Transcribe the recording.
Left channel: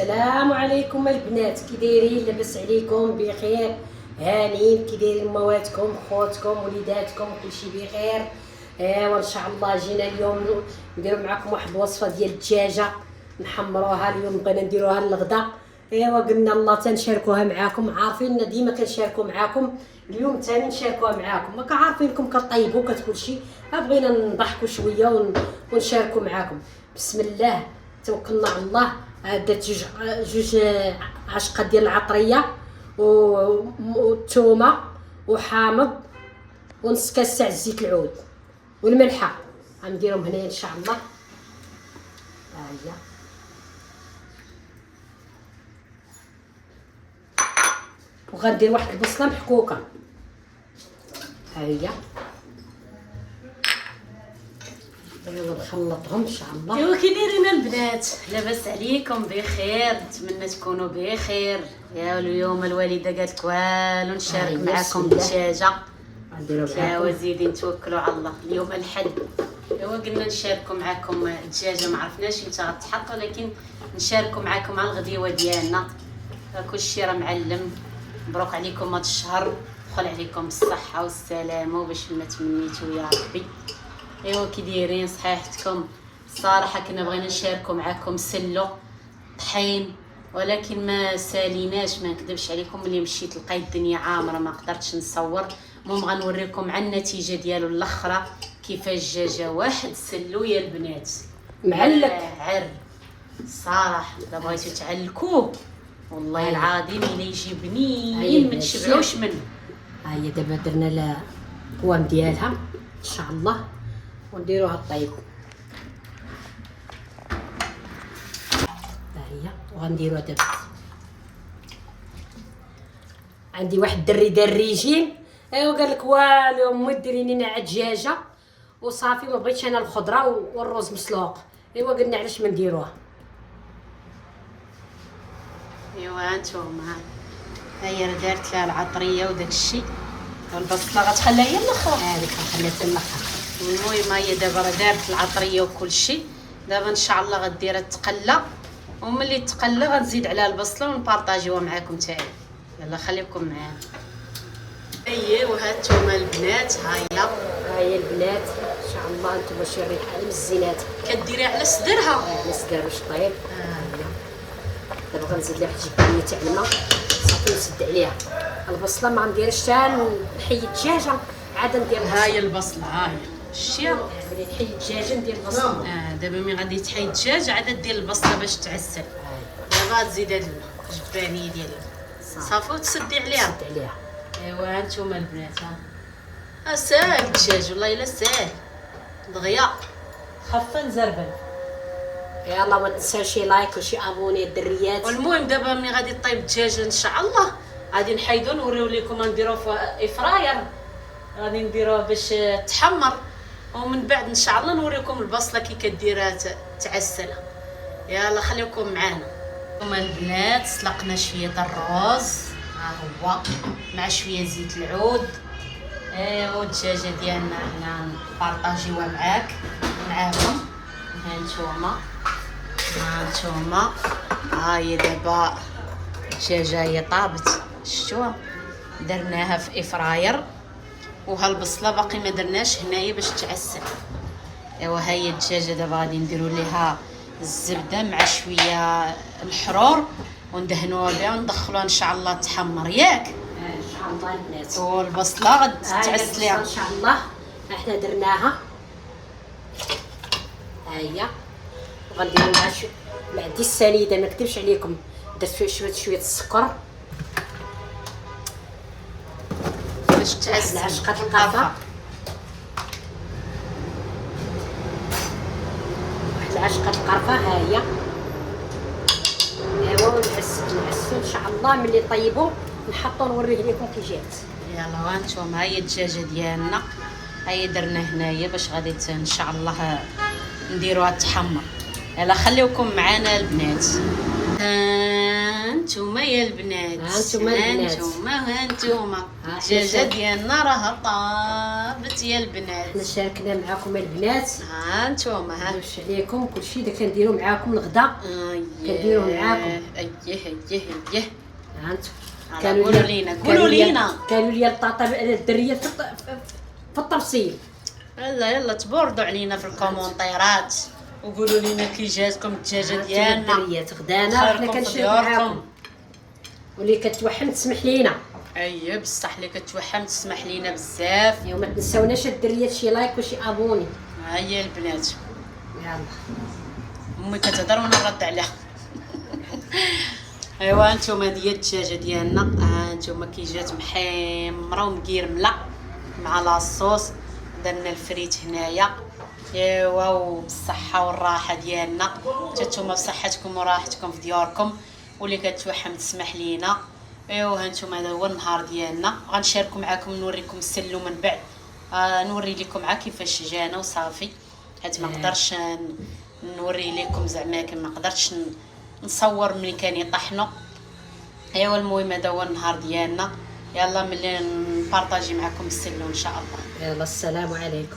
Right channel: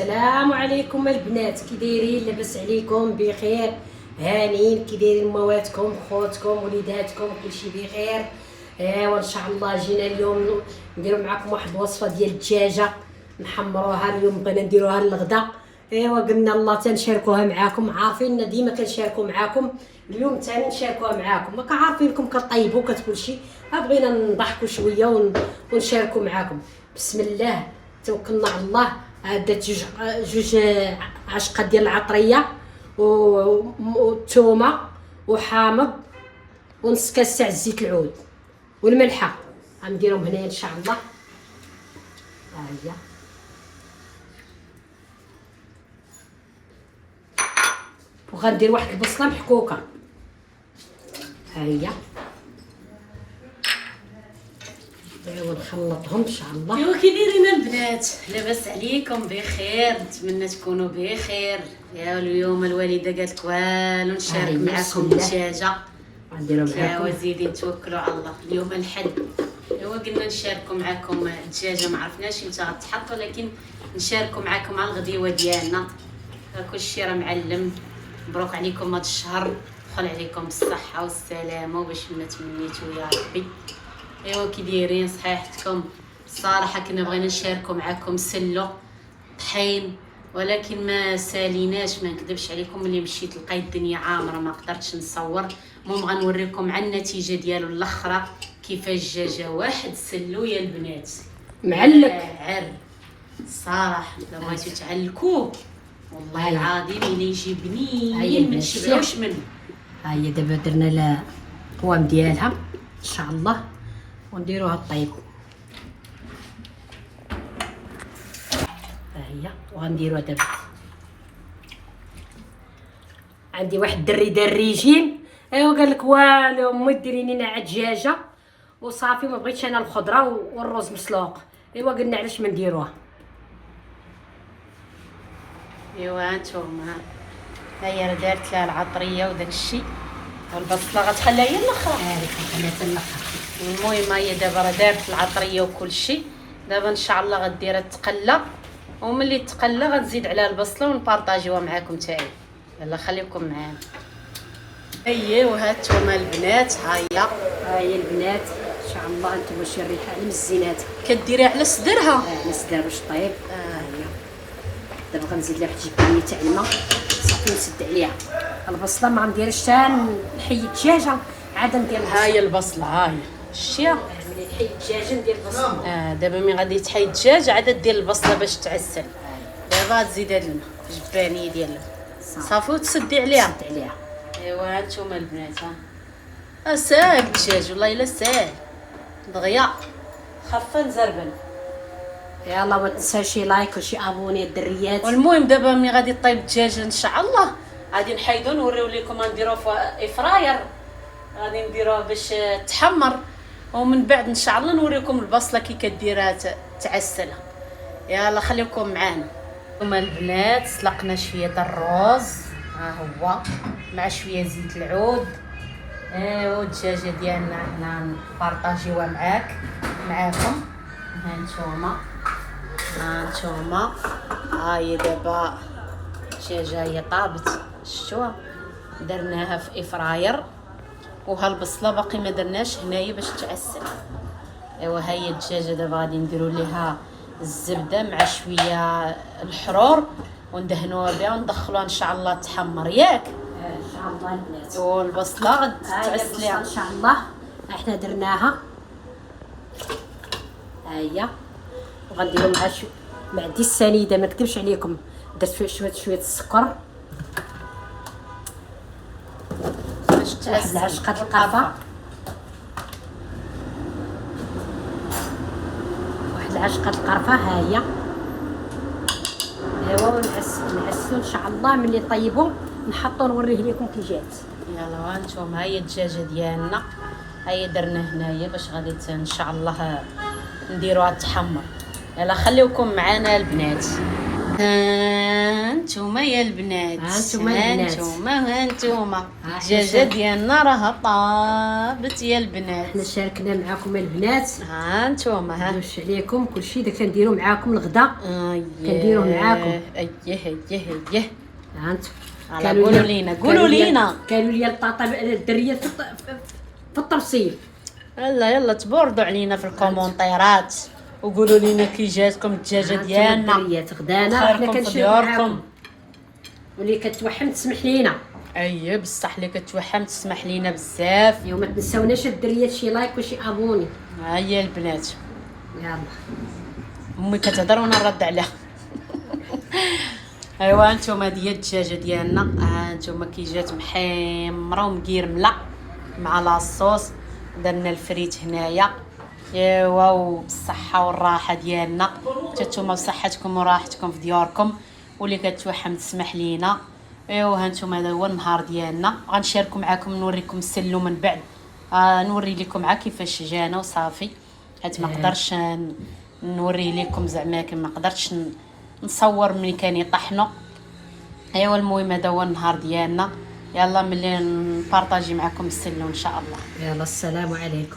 السلام عليكم البنات، كي دايرين؟ لاباس عليكم؟ بخير؟ هانيين؟ كي دايرين مواتكم خوتكم وليداتكم؟ كلشي بخير؟ وان شاء الله جينا اليوم نديرو معكم واحد الوصفه ديال الدجاجه نحمروها اليوم، بغينا نديروها للغدا. قلنا الله تنشاركوها معاكم، عارفين ديما كنشاركو معاكم، اليوم ثاني نشاركوها معاكم. ما كعارفينكم كطيبوا كتكلشي، بغينا نضحكوا شويه ونشاركوا معاكم. بسم الله توكلنا على الله. درت جوج عشقات ديال العطريه والثومه وحامض ونص كاس تاع زيت العود والملحه، غنديرهم هنايا ان شاء الله. ها هي وغندير واحد البصله محكوكه، ها هي. نخلطهم ان شاء الله. ايوا كي دايرين البنات؟ لاباس عليكم؟ بخير؟ نتمنى تكونوا بخير. يا اليوم الوالده قالت والو نشارك معكم الدجاجه، يا زيدي نتوكلوا على الله. اليوم الحد، ايوا قلنا نشاركوا معكم الدجاجه. ما عرفناش امتى غتحط، ولكن نشاركوا معكم على الغديوه ديالنا. كلشي راه معلم. مبروك عليكم هذا الشهر، دخل عليكم بالصحه والسلامه وباش ما تمنيتوا يا ربي. ايوا كي دايرين؟ صحيحتكم؟ الصراحه كنا بغينا نشاركوا معكم سلو طحين، ولكن ما ساليناش، ما نكذبش عليكم. ملي مشيت لقيت الدنيا عامره ما قدرتش نصور. المهم غنوريكم على النتيجه ديالو الاخرى كيفاش دجاجه واحد سلو يا البنات معلق عر. الصراحه الا بغيتو تعلكوه والله العظيم الا يجي بنين ما نشبعوش منه. ها هي دابا درنا القوام ديالها ان شاء الله ونديروها طيب. ها هي وغنديروها دابا. عندي واحد الدري دار ريجيم، قال لك والو امي ديري لينا عاد دجاجه وصافي، ما بغيتش انا الخضره والرز مسلوق. قلنا علاش ما نديروها. ايوا نتوما ها هي دارت لها العطريه وداك الشيء والبصله غتخليها هي الاخر. خليها حتى الاخر. المهم هي دابا راه دارت العطريه وكل شيء. دابا ان شاء الله غديرها تقلى، وملي تقلى غنزيد عليها البصله ونبارطاجيوها معكم تاعي. يلا خليكم معانا. ايوا ها نتوما البنات، ها هي البنات ان شاء الله. انتم شي الريحه على مزينات كديريها على صدرها. على صدرها باش طيب. دابا غنزيد لها واحد الجبايه تاع الماء صافي نسد عليها. البصله ما غنديرش حتى نحيد الدجاجه عاد ندير. ها هي البصله، ها هي شتيها. ملي نحيد الدجاجه ندير البصله. دابا ملي غادي تحيد الدجاج عاد دير البصله باش تعسل. دابا تزيد هاد الماء جبانيه ديال الماء صافي وتسدي عليها. ايوا نتوما البنات ها ساهل الدجاج والله الا ساهل دغيا خفه نزربل. يلا ما تنساوش لايك وشي ابوني الدريات. والمهم دابا ملي غادي طيب الدجاج ان شاء الله غادي نحيدو نوريو لكم غنديروه في فراير، غادي نديروه باش تحمر، ومن بعد ان شاء الله نوريكم البصله كي كديرها تعسلها. يلا خليكم معانا. هما البنات سلقنا شويه الرز، ها هو مع شويه زيت العود. ايوا الدجاجه ديالنا هنا نبارطاجيوها معاكم. ها نتوما ها هي دابا الدجاجه هي طابت، شفتوها درناها في افراير. وها البصله باقي ما درناش هنايا باش تعسل. ايوا ها هي الدجاجه دابا غادي نديروا ليها الزبده مع شويه الحرور وندهنوها بها وندخلوها ان شاء الله تحمر ياك ان شاء الله البنات. والبصله غتعسليها ان شاء الله. احنا درناها ها هي، وغنديروا معها مع دي السنيده. ما نكذبش عليكم درت شويه السكر باش تعسل. عشقة القرفه، واحد العشقة القرفه ها هي. ايوا ونعسو ان شاء الله. ملي طيبوا نحطو نوريه لكم كي جات. يلا هانتوما ها هي الدجاجه ديالنا، ها هي درنا هنايا باش غادي ان شاء الله نديروها تحمر. يلا خليوكم معنا البنات. هانتوما هانتوما يا البنات، هانتوما البنات. هانتوما الدجاجه ديالنا راه طابت يا البنات. حنا شاركنا معاكم البنات، هانتوما ها واش عليكم كلشي دا كنديرو معاكم الغدا، كنديروه معاكم. ايه ها انتم على قولوا لينا قالوا لي الطاطا الدريه في الطرسيل. يلا تبوردوا علينا في الكومونتيرات وقولوا لينا كي جاتكم الدجاجه ديالنا. الدريات غدانا خيركم حنا في كنشوفوا دياركم. معاكم، واللي كتوحم تسمح لينا. اييه بصح اللي كتوحم تسمح لينا بزاف. وما تنساوناش الدريات شي لايك وشي ابوني. ها هي البنات، يلا امي كتهضر وانا نرد عليها. ايوا هانتوما هي الدجاجه ديالنا، هانتوما كي جات محمره ومقيرمله مع لاصوص. درنا الفريت هنايا. ايوا وبالصحه والراحه ديالنا، حتى نتوما بصحتكم وراحتكم في دياركم، واللي كتوحم تسمح لينا. ايوا هانتوما هذا هو النهار ديالنا، غنشاركو معكم نوريكم السلو من بعد. نوري لكم عا كيفاش جانا وصافي، حيت ما قدرش نوري لكم زعما ما قدرتش نصور ملي كان يطحنوا. ايوا المهم هذا هو النهار ديالنا. يلا ملي نبارطاجي معكم السلو ان شاء الله. يلا السلام عليكم.